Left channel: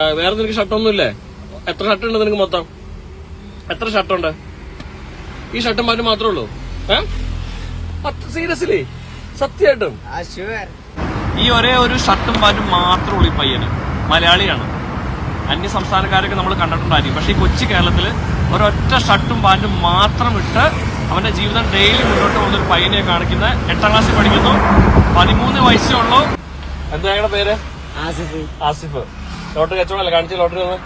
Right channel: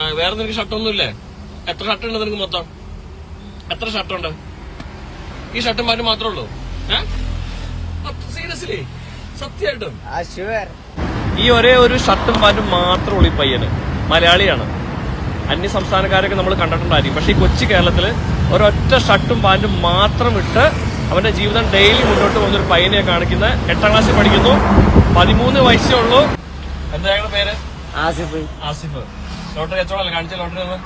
വേറെ നിനക്ക് ഷർട്ടൊന്നുമില്ലേ? എത്ര ഷർട്ട് ഉണ്ട് നിനക്ക് മൊത്തം? എത്ര ഷർട്ടുണ്ട്? ഈ ഷർട്ടും പാന്റും മാത്രമേ ഉള്ളൂ. സീരിയസ്ലി സത്യമായിട്ടും. ഈ ഒരേ ഒരു ഷർട്ടും പാന്റും മാത്രമേ ഉള്ളൂ ഈ പയ്യന്. മലയാളിയാണ്. അന്യ സംസ്ഥാനക്കാരൊക്കെ നമ്മൾ കണ്ടിട്ടുണ്ടായിരിക്കും. പക്ഷേ ഈ കൊച്ചു കേരളത്തിൽ ഒരൊറ്റ ഷർട്ടും പാറ്റും മാത്രം ഇട്ട് അവന്റെ ജീവിതം ഡെയിലി മുന്നോട്ട് പോകുന്ന ഒരു പയ്യനെ കാണിക്കുന്ന എട്ടാം ക്ലാസ് പഠിക്കുന്നു. പതിമൂന്ന് വയസ്സേ ഉള്ളൂ. എന്താ പേര്? ആസിഫ്. ആസിഫ്. ലോട്ടറി കച്ചവടമല്ല? കാണിച്ച ലോട്ടറി ഒന്നും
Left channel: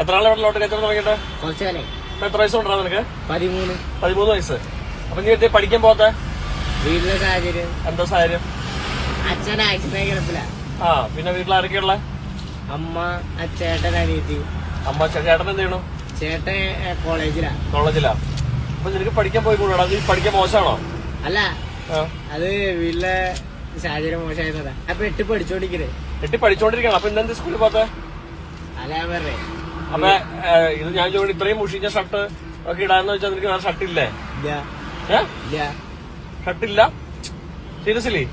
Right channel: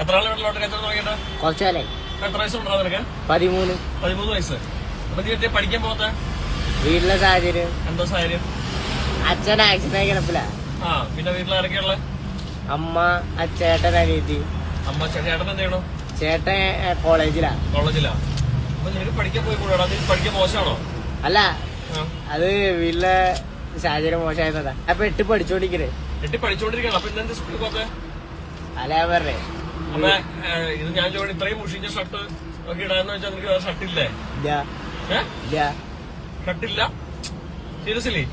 എത്ര നാളെ ലോട്ടറി കച്ചവടം തുടങ്ങിയിട്ട്? കുറച്ചാലേ എത്ര വയസ്സ് ഉണ്ടാ നിനക്ക്? പതിമൂന്ന്. പതിമൂന്ന് വയസ്സ്. അപ്പൊ നീ എത്തി പഠിക്കാൻ പോകാത്ത വീട്ടിലെ സാഹചര്യം. എന്താ സാഹചര്യം? അച്ഛൻ ആക്സിഡന്റ് കിടപ്പില്ല ആ പിന്നെ വീട്ടിൽ ആരൊക്കെയുള്ള അമ്മ അച്ഛേട്ടൻ അനിയത്തി. അമ്മ ചേട്ടൻ എന്ത് ചെയ്യണു? ചേട്ടൻ കോളേജിലാ. കോളേജിലാ. അപ്പൊ നിനക്ക് പഠിക്കാൻ പോയി കൂടാ നീ പഠിക്കാൻ മോശമാണോ? അല്ല. അത് വീട്ടിലെ സാഹചര്യം മോശമായിരുന്നതാ അപ്പൊ എട്ട് പഠിച്ചോണ്ടിരിക്കണേ. എട്ടി പഠിച്ചോണ്ടിരിക്കണം. അപ്പൊ ഇന്നെന്ത് സ്കൂളിൽ പോത്തെ? അല്ല ഞാൻ പറഞ്ഞേ. അപ്പൊ ഇത് ഞാൻ ചോദിച്ചു ഇത്രയും മുഷിഞ്ഞ ഷർട്ട് ഒക്കെ ഇടാന്ന് വെച്ചാൽ നിനക്ക് വേറെ ഷർട്ട് ഇല്ലേ? ഇല്ല. ഇല്ല. ഷർട്ട് ഇല്ല? സീരിയസ്ലി?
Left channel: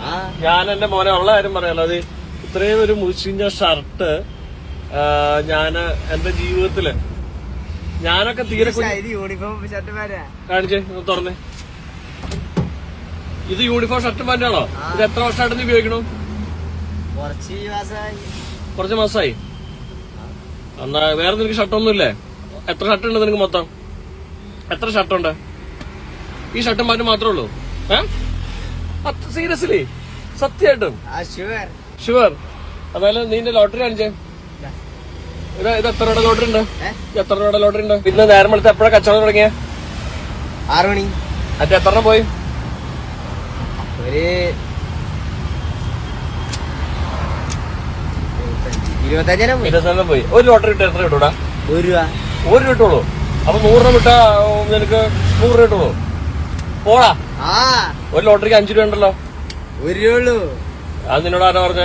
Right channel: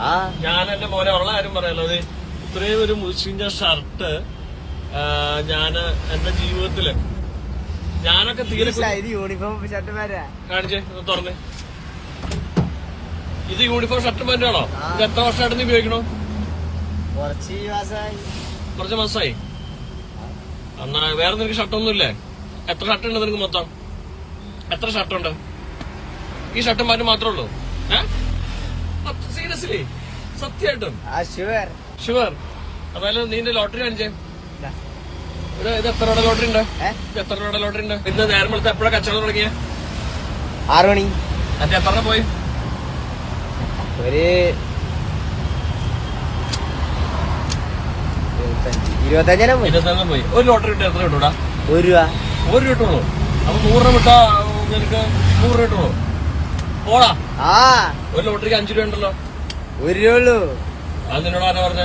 ആ. ഞാൻ എന്റെ മോനെ ഉള്ള കാര്യം പറയാലോ. അത് ഇത്രയും ഒരു മുഷിഞ്ഞ ഷർട്ട് ഞാൻ എന്റെ ജീവിതത്തിൽ ഞാനൊക്കെ തീരെ കുഞ്ഞ്- യൂണിഫോം ഷർട്ട് വരാ കാണിച്ചേ ഒന്ന് തുറന്ന്. ഇത് യൂണിഫോം ഷർട്ട് പാന്റാണോ ഇത് എത്ര വർഷമായിട്ട് ഉപയോഗിക്കണം? കുറച്ച് മാസമായി എന്നാ വേറെ നിനക്ക് ഷർട്ടൊന്നും ഇല്ലേ? എത്ര ഷർട്ട് ഉണ്ട് നിനക്ക് മൊത്തം? എത്ര ഷർട്ടുണ്ട് ഈ ഷർട്ടും പാന്റും മാത്രമേ ഉള്ളൂ. ഏഹ് സീരിയസ്ലി സത്യമായിട്ടും? ഷുവർ അതായത് അതുപോലെ നീന്റെ ലോട്ടറി കാണിച്ചേ? ഇത്. ഇത് എത്ര രൂപയുടെ ലോട്ടറി ഉണ്ട്? എത്ര രൂപയുടെ ലോട്ടറി ഉണ്ട്? ഇന്ന് നേരം വെളുത്ത് എപ്പോഴാണ് കച്ചവടം തുടങ്ങിയ? ആറ് മണി. അത് എത്ര പോയി? ഒരു ഇരുപത്തഞ്ചെണ്ണം പോയി. പോയി. ഒരു ലോട്ടറി ഇട്ട് എത്ര കിട്ടൂടാ? ഒരു രൂപ. ഒരു രൂപ കിട്ടുള്ളൂ. അപ്പൊ നൂറ് രൂപ കിട്ടാ നിനക്ക് നൂറ് രൂപ കിട്ടുള്ളൂ. പോടാ. ആ. ഒരു ലോട്ടറിക്ക് അഞ്ചു രൂപ ഉണ്ടല്ലോ. ഒരു രൂപ ഉള്ളൂ. അത് നിന്നോട് ആരാ പറഞ്ഞ?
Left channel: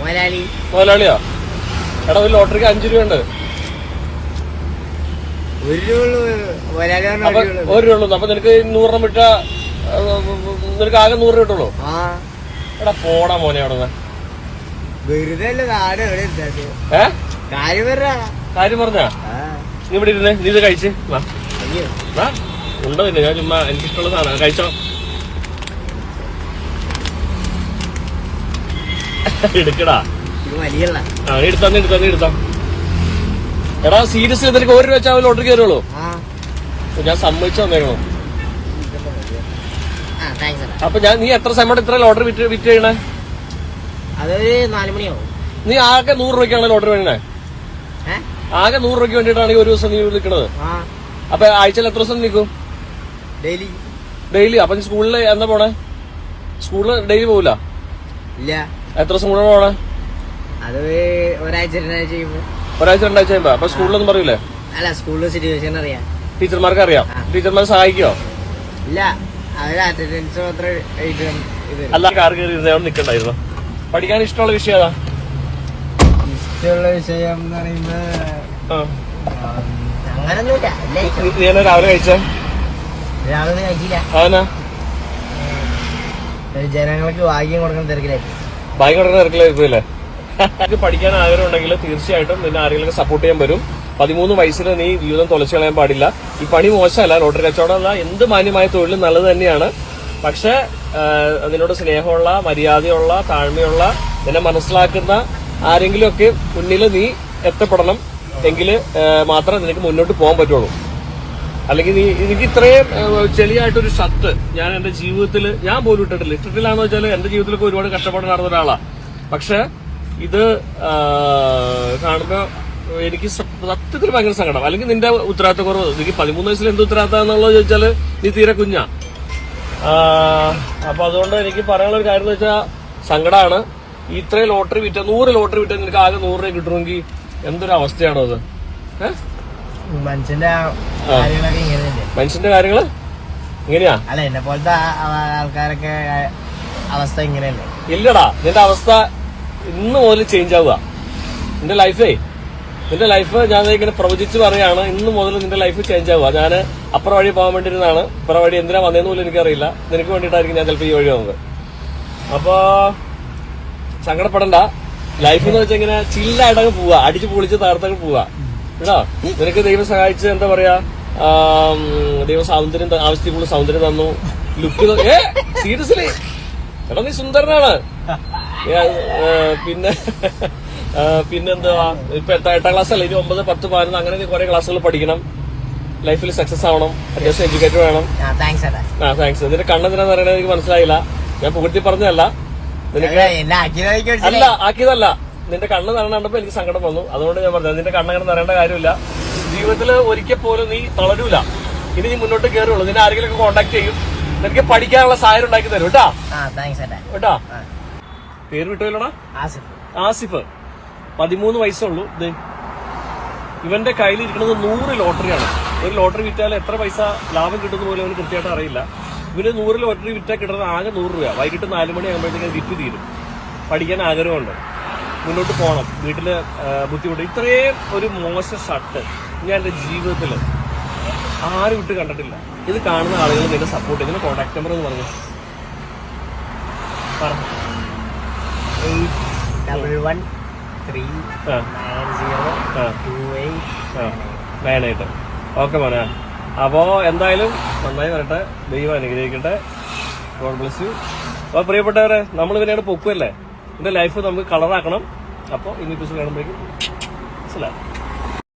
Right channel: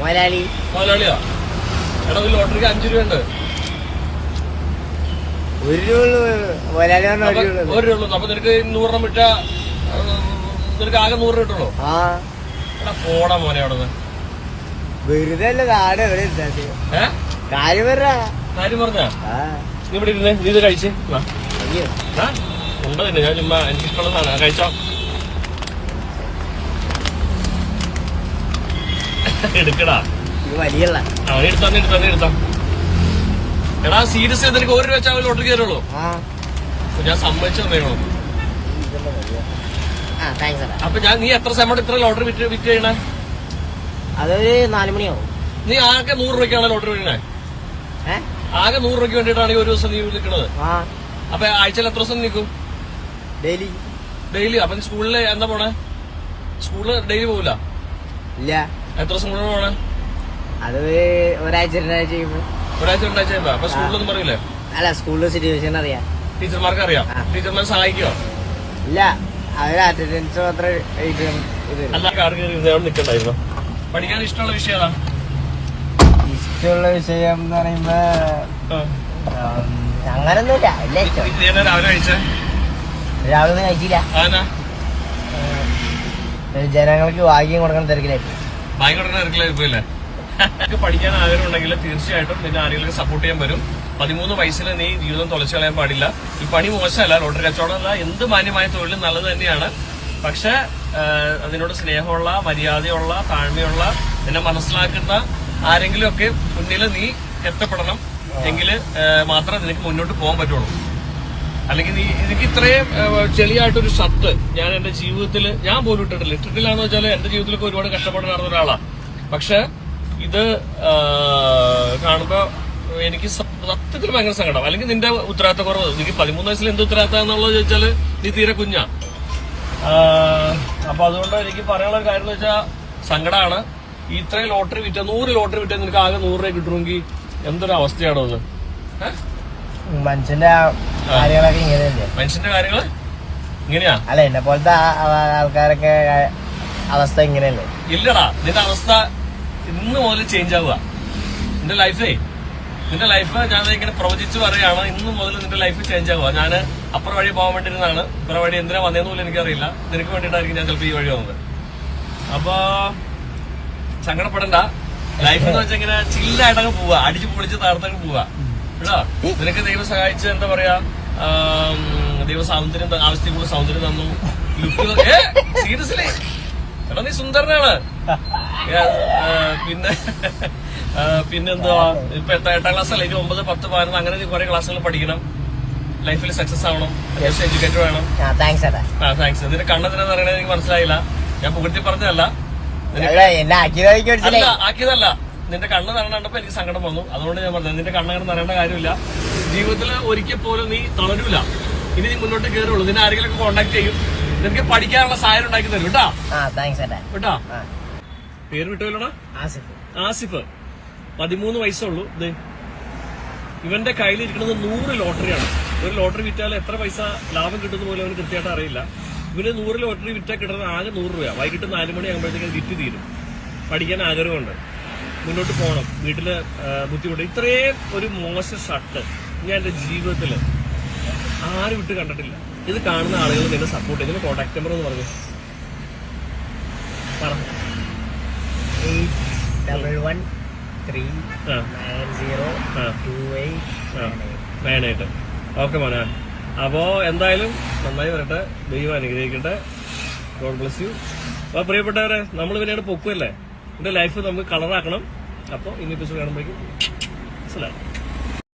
മുതലാളി. മുതലാളിയാ? എടാ ഒരു ലോട്ടറിക്ക് അഞ്ചു രൂപ ഉണ്ട്. ഒരു രൂപ ഉള്ളൂ. മുതലാളി ഒരു രൂപ ഉള്ളൂ. രൂപ അപ്പൊ നിനക്ക് നൂറെണ്ണം വിട്ട നിനക്ക് ആകെ നൂറ് രൂപ കിട്ടുള്ളൂ? ആ. എടാ പോടാ മോനെ അവിടെ വെറുതെ അല്ല കാട് എവിടെ ഇരുന്നത്? ഏ? കാര്യം പറ. കാര്യം പറഞ്ഞാ? ആ. നീ ഇവിടെ ഇരുന്നേ നീ ഇത് കഴിച്ച്. വാ. അയ്യോ. വാ. ഉണ്ടോ നിന്നെ ഞാൻ ചുമ്മാ എനിക്കിഷ്ടമുള്ള സാധനം. കഴിച്ചോ? എടുക്കടാ. ഇത് വലിയല്ല ആ നീ എടുത്താ നീ എടുത്താ നീ എടുത്താ. എടാ സീരിയസ് നിനക്ക് ഒരു രൂപ വെച്ചാൽ ലോട്ടറി കയറുള്ളൂ. ആ. ഞാൻ സമ്മതിച്ചു താങ്ക്സ് അപ്പൊ ഞാൻ നീ എത്ര സമയം ഇത്ര ലോട്ടറി വിറ്റ് വിറ്റ് കഴിഞ്ഞേ അതൊരു നാലുമണിയാവും നീ ആകെ നൂറ് രൂപയ്ക്കാണ് ലോട്ടറി വാങ്ങണേ ഏ? ആകെ നൂറ് രൂപയ്ക്ക് വേണ്ടിയിട്ടാണ് ഒരു ദിവസം നീ വിളിക്കണത്. അപ്പൊ ആഴ്ചയിൽ എത്ര ദിവസം നിൽക്കും ഡെയിലി. ഡെയിലി? അപ്പൊ നീ സ്കൂളിൽ എന്താ പോണേ? സ്കൂളിൽ ഡെയിലി പോവില്ല? ഇല്ല. എത്ര ദിവസം കൂടെ പോണേ? അത് ഒരാഴ്ച രണ്ടാഴ്ച ഒരാഴ്ച രണ്ടാഴ്ച കഴിയുമ്പോ? അപ്പൊ സ്കൂളിലൊന്നും പറയില്ലേ അല്ല സ്കൂളിലെ സിറ്റുവേഷൻ അറിയാം. ടീച്ചർമാർക്ക് അറിയാം. ടീച്ചർമാർ സഹായിക്കോ? ഇല്ല. അറ്റൻഡൻസ് മാത്രം എഴുതി ഇത് അല്ല കാർ കയറി ഇരുന്ന് അവിടെ നിൽക്കണ്ടായിരുന്നു പഠിക്കാൻ ഇഷ്ടമുള്ള ഇഷ്ടമുള്ള വിഷയം എന്ന് പറയുമ്പോ അങ്ങനൊന്നുമില്ല രാവിലെ കഴിച്ചേ? രാവിലെ കഴിച്ചില്ല. ജനങ്ങൾക്ക് ഭാഗ്യം കൊടുക്കാൻ തിരക്കിലായിട്ട് ഭാഗ്യം കൊടുക്കാൻ ഇറക്കലായിരിക്കുമല്ലേ നിനക്ക് പഠിക്കാൻ ആഗ്രഹം ഉണ്ടെങ്കിൽ തീർച്ചയായിട്ടും നിന്നെ ആരെങ്കിലും സപ്പോർട്ട് ചെയ്യാൻ വരും. പതിമൂന്ന് വയസ്സിൽ നീ ജീവിതം തുളച്ചു കളയാൻ പാടില്ല. ഈ പണി മോശമല്ല ലോട്ടറി കച്ചവടം അല്ല എന്ത് മാന്യമായ തൊഴിലും നല്ലത് തന്നെയാണ്. പക്ഷെ അതിനോട് സ്നേഹമുള്ള മര്യാദയുള്ള താഴ്മയുള്ള നിന്നെ മനസ്സിലാക്കുന്ന ആരെങ്കിലും ഒക്കെ മുന്നിൽ നീ എത്തപ്പെടണം. എങ്കിൽ മാത്രം നിനക്ക് മുന്നോട്ട് പോകാൻ പറ്റുള്ളൂ. അല്ലെങ്കിൽ നീ എനിക്ക് ഇത്രയും ചെളിയായിട്ടൊരു ഷർട്ട് ഞാൻ എന്റെ ജീവിതത്തിൽ ഞാൻ പോലും ഇട്ടിട്ടില്ല. ഇട്ടിട്ടില്ലാന്ന് വെച്ചാൽ എന്റെ ജീവിതത്തിലൊക്കെ ഒരുപാട് കഷ്ടപ്പാട് നടന്ന ഒരാളാണ് പക്ഷെ ഇത് കാണുന്ന എനിക്ക് സത്യത്തിൽ ഭയങ്കര സങ്കടം. അല്ലെങ്കിൽ നിന്റെ ഉത്തരവാദിത്ത കുറവ് എനിക്ക് പതിമൂന്ന് വയസ്സിൽ എന്ത് ഉത്തരവാദിത്തം എന്നുള്ളത് ചോദിച്ചാൽ നീ തീരെ കുഞ്ഞാ. അപ്പൊ അതുകൊണ്ട് എനിക്ക് പറയാനുള്ള ഒരു കാര്യം എന്ന് വെച്ചാൽ സങ്കടമാണ് ഇത്രയും ലോട്ടറി വിറ്റ നൂറ് ലോട്ടറി വിറ്റ നിനക്ക് ആകെ നൂറ് രൂപ കിട്ടണമെങ്കിൽ എന്തൊരു അവസ്ഥയാണോ അത്? മനുഷ്യന്റെ കാര്യങ്ങളൊക്കെ ഇങ്ങനെയല്ലേ മനുഷ്യന്റെ കാര്യങ്ങൾ ഇങ്ങനെയാ? അല്ല എന്നെ പോലത്തെ ആൾക്കാരൊക്കെ അവസ്ഥ ഇങ്ങനെയല്ലേ? ഇല്ലടാ നിന്റെ അവസ്ഥ ഇന്ന് മുതൽ ചേഞ്ച് ആവുക. നിന്റെ ലൈഫേ നിന്റെ ലൈഫ് ഞാൻ ഇങ്ങനെ പ്രവചിച്ച് പറയാണ് ഇന്ന് മുതൽ നിന്റെ ലൈഫ് ചേഞ്ച് ആവുക. ഞാൻ അപ്പുറം വഴി പോകാൻ വേണ്ടിയിരുന്നതാണ്. ഇപ്പുറം വഴി എന്തിനാ വന്നതെന്ന് പോലും എനിക്കറിയില്ല. നിനക്ക് വേണ്ടിയിട്ടായിരിക്കും ഞാൻ ചിലപ്പോൾ ഈ വഴി വന്നത് അപ്പോ സങ്കടപ്പെടണ്ട. ലൈഫ് എന്ന് വെച്ചാൽ ഇങ്ങനെ ചില്ലായിട്ടങ്ങ് പോവാ അടിച്ച് പൊളിച്ച് തകർത്തങ്ങ് പോവാ കേട്ടോ? നിനക്ക് ദൈവം സഹായിച്ച് എന്താ പറയാ? ദൈവ സൗന്ദര്യം ആവശ്യത്തിനുള്ള സൗന്ദര്യം തന്നു. ലുക്ക് ഏ? സീരിയസ്ലി എടാ നീ സുന്ദരനാണ്. പിന്നെ പിന്നെന്താ ഇപ്പൊ എട്ടാം എട്ടാം ക്ലാസ് അല്ലെങ്കിൽ ഒമ്പത് പത്ത് പതിനൊന്ന് അങ്ങനെ കുറെ ക്ലാസ്സുകൾ പഠിക്കണം. ലൈഫിൽ സക്സസ് ആവണം. അത്യാവശ്യം എഡ്യൂക്കേറ്റഡ് വേണം. ആ താങ്ക്സ് ഇതിന്റെ കണ്ണെന്തിനാന്ന് പറയണത് എനിക്ക് മനസ്സിലായില്ല. ഞാൻ പുകഴ്ത്തി പറഞ്ഞതല്ല. അല്ല, ആക്കിയതല്ല. നിന്റെ കണ്ണ് നിറഞ്ഞ കണ്ടപ്പോ എനിക്ക് സങ്കടം വന്നു. അതുകൊണ്ട് ഞാൻ പറഞ്ഞത് നിന്റെ കണ്ണങ്ങനെ നിറയേണ്ട കാര്യമില്ല. ജീവിതത്തിൽ ഒരിക്കൽ പോലും നീ തളരൂല. ഇനി നീ മുന്നോട്ട് കയറുള്ളൂ നിന്നെ ആരെങ്കിലും കോണ്ടാക്ട് ചെയ്യും. നിനക്ക് പഠിക്കാനുള്ള സാഹചര്യം ഉണ്ടാക്കി തരും. കേട്ടാ? കേട്ടാ? പേര് വിട്ടുപോയില്ലടാ ആസിഫ്. ആസിഫ്. പതിമൂന്ന് വയസ്സുള്ളൂ. ഇത് ഇവന്റെ കയ്യിലിരിക്കുന്നത് നൂറ് ലോട്ടറിയാണ്. ഒരു ലോട്ടറി വിറ്റാൽ എത്ര പൈസ ലാഭം കിട്ടുന്ന പോലും അവന് കൃത്യമായിട്ട് അറിയില്ല. ഇവന് നൂറ് ലോട്ടറി വിറ്റാൽ കിട്ടുന്നത് ആകെ നൂറ് രൂപ വൈകിട്ട് നാല് മണി ആകുമ്പോഴത്തേക്കും വിറ്റ് തീരും. പഠിക്കാൻ ആഗ്രഹമുണ്ട്. മുന്നോട്ട് പോകണം. വീട്ടിൽ ബുദ്ധിമുട്ട്. ഇത്രയും ഒരു മോശം ഷർട്ട് ഞാൻ എന്റെ ജീവിതത്തിൽ ആരും വിട്ട് കണ്ടിട്ടില്ല. ഇത് കാണുന്ന ആളുകൾ നിന്നെ സപ്പോർട്ട് ചെയ്യുന്ന. കോൺടാക്ട് നമ്പർ എന്ന് പറഞ്ഞു. പറഞ്ഞു ഡബിൾ ഓക്കെ മോനെ. അപ്പോ എന്തായാലും നന്നായി വരട്ടെ. ദൈവം അനുഗ്രഹിക്കട്ടെ. ഗോഡ് ബ്ലസ് അപ്പോൾ പ്രിയപ്പെട്ടവരെ നമ്മൾ ഇതിനാണ് പൊക്കുമല്ലേ എന്റെ ലൈഫ് നമുക്ക് കളറാക്കണം അപ്പോൾ ഇനി പിസ് കാണുമ്പോൾ മനസ്സിലാവും